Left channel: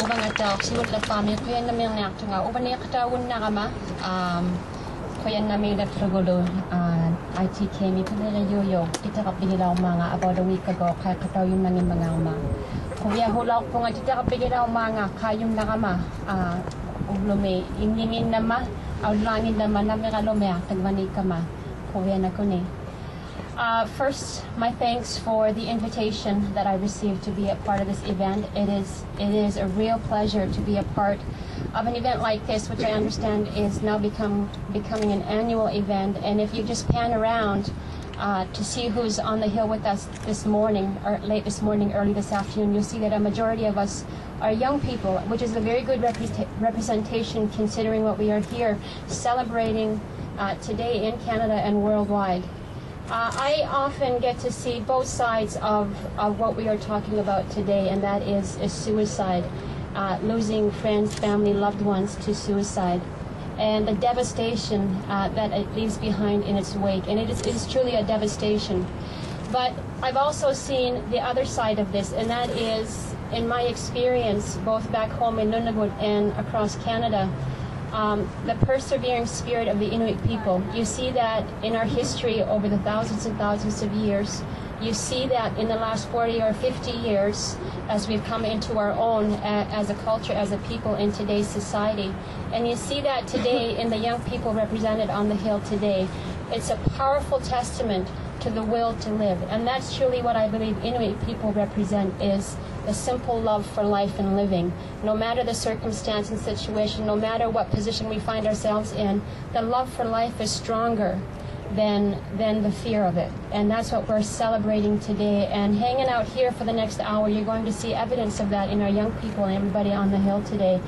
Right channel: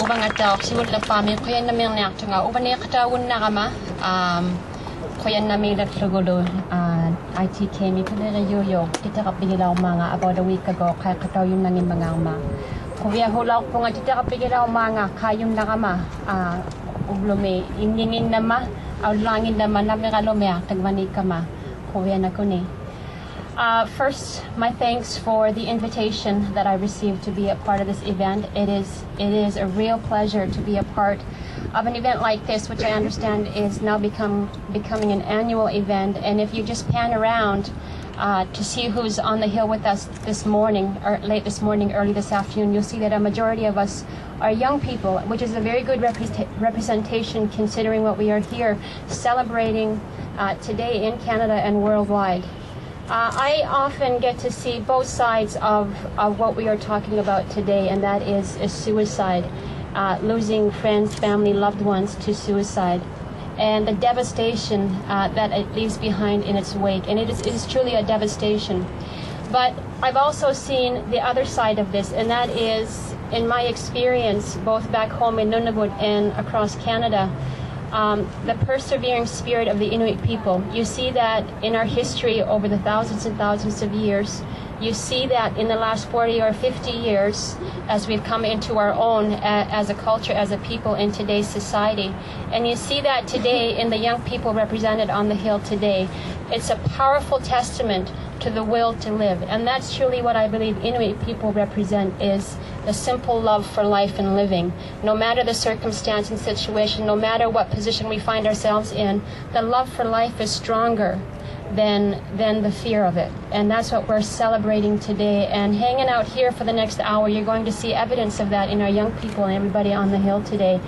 ubang atak siwat la pami kuyan na ming nak tunga uban ni katawun na kama kuyan na ming naglugulo ITK mi pala yoyo kita kapigilaw mga about a week ago kaya kataw yung nangin mga ama kuya hulaw po nga kita kapigilaw mga kayong nakama ublume ingingin nama awlangin naman na mga lumea tagmani kama kuya na kuni. First, my thanks for the invitation that I received to be a part of this event. It is a real pleasure to be a part of an event like this, which I understand is now becoming an annual event. And if you just pan around to see who's on the hill with us this morning, or late this morning, early this afternoon, you'll see that a majority of us are young people, which is a very good representation considering what we are here celebrating today in Canada and worldwide. I often get to see both sides of what we are talking about today, and that is suicide, losing friends, family, loved ones to suicide, and the devastation that it leaves behind in its wake. And it is truly a devastation. But I've also seen the other side of this, and that is, in my experience, both back home in Nunavut and across Canada, the persevering spirit of the Inuit people. You see that in our history over the thousands and thousands of years. You see that in the last 40 or 50 years as we've come into our own as a culture, as a people in today's society. And you see that today in the young people represented on the Hill today. It's a powerful testament to the will to live. And that's truly what I believe Inuit people represent, is the simple love for life and living. No matter the circumstance and situation, no matter what position we find ourselves in, the love for life is stronger than the fear of it. And that's what we're celebrating today. And hanging out here for the next hour, you're going to see evidence of that in our young people and everybody on the Hill today.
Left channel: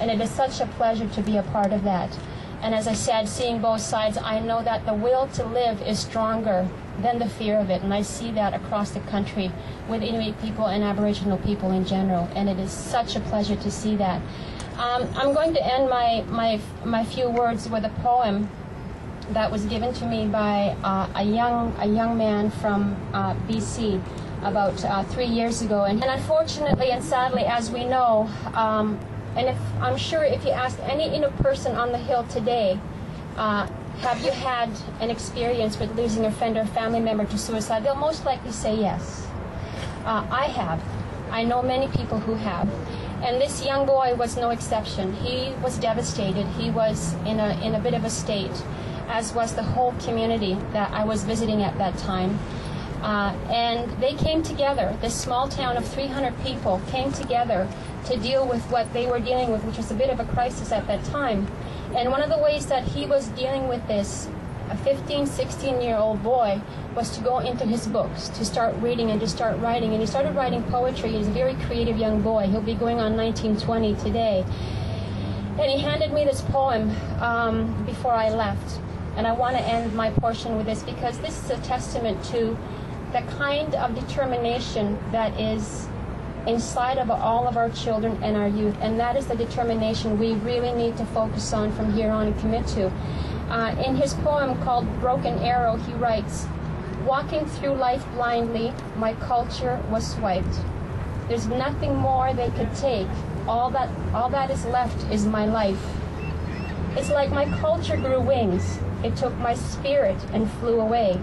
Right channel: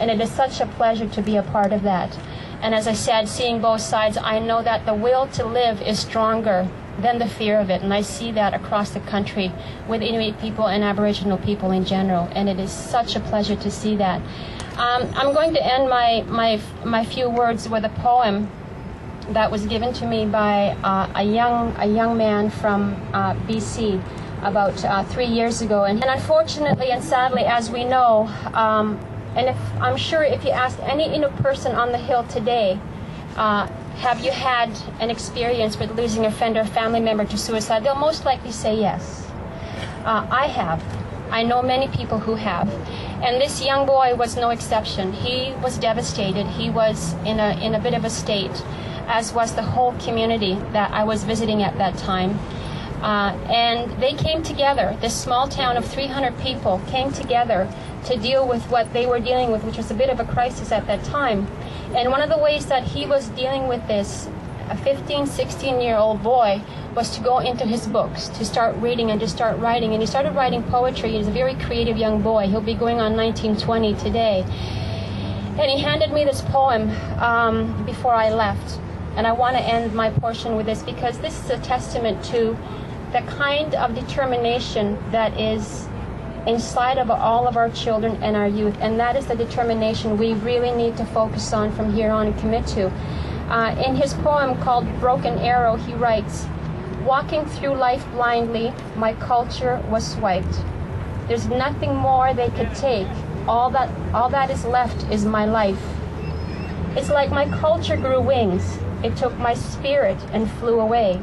And it is such a pleasure to be a part of that. And as I said, seeing both sides, I know that the will to live is stronger than the fear of it. And I see that across the country with Inuit people and Aboriginal people in general. And it is such a pleasure to see that. I'm going to end my few words with a poem that was given to me by a young man from BC about 3 years ago. And unfortunately and sadly, as we know, and I'm sure if you ask any Inuit person on the Hill today, have you had an experience with losing a friend or family member to suicide? They'll most likely say yes. I have. I know many people who have. And this young boy was no exception. He was devastated. He was in a bit of a state, as was the whole community that I was visiting at that time. And they came together. This small town of 300 people came together to deal with what they were dealing with, which was a bit of a crisis at that time. And one of the ways that he was dealing with this, a 15, 16-year-old boy, was to go into his books, to start reading and to start writing. And he started writing poetry. He's a very creative young boy. He'll be going on 19, 20 today. And he handed me this poem before I left. And I want to end my portion with this, because this is a testament to the kind of determination that is inside of all of our children and our youth. And that is the determination we really need to focus on from here on and commit to. In his poem called Broken Arrow, he writes, "Walking through life blindly, my culture was swiped. There's nothing more they could take. All that is left is my life. It's like my culture grew wings. It took my spirit and flew away.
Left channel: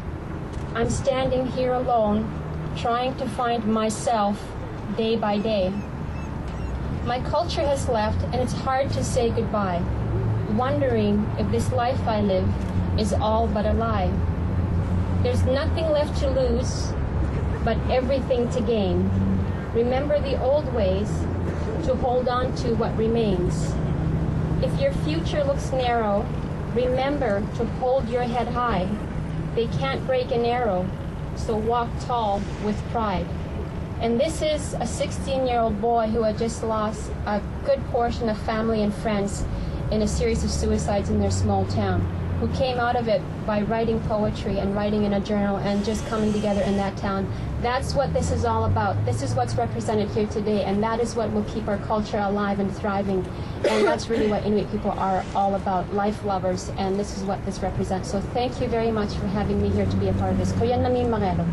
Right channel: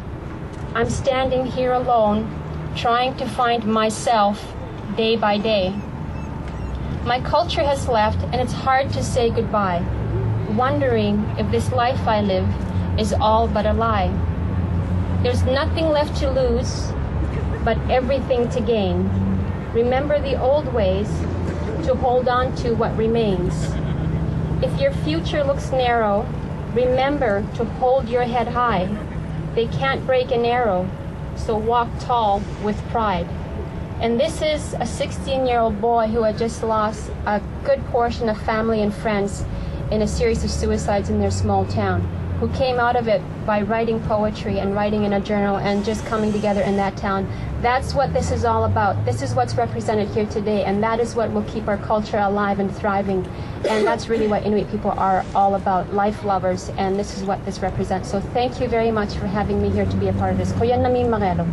I'm standing here alone, trying to find myself day by day. My culture has left, and it's hard to say goodbye, wondering if this life I live is all but a lie. There's nothing left to lose, but everything to gain. Remember the old ways, to hold on to what remains. If your future looks narrow, remember to hold your head high. They can't break an arrow, so walk tall with pride." And this is a 16-year-old boy who had just lost a good portion of family and friends in a series of suicides in their small town, who came out of it by writing poetry and writing in a journal and just coming together in that town. That's what this is all about. This is what's represented here today, and that is what will keep our culture alive and thriving. And that's really what Inuit people are all about, life lovers, and this is what this represents. So thank you very much for having me here to be a part of this. Kuyan namin magelo.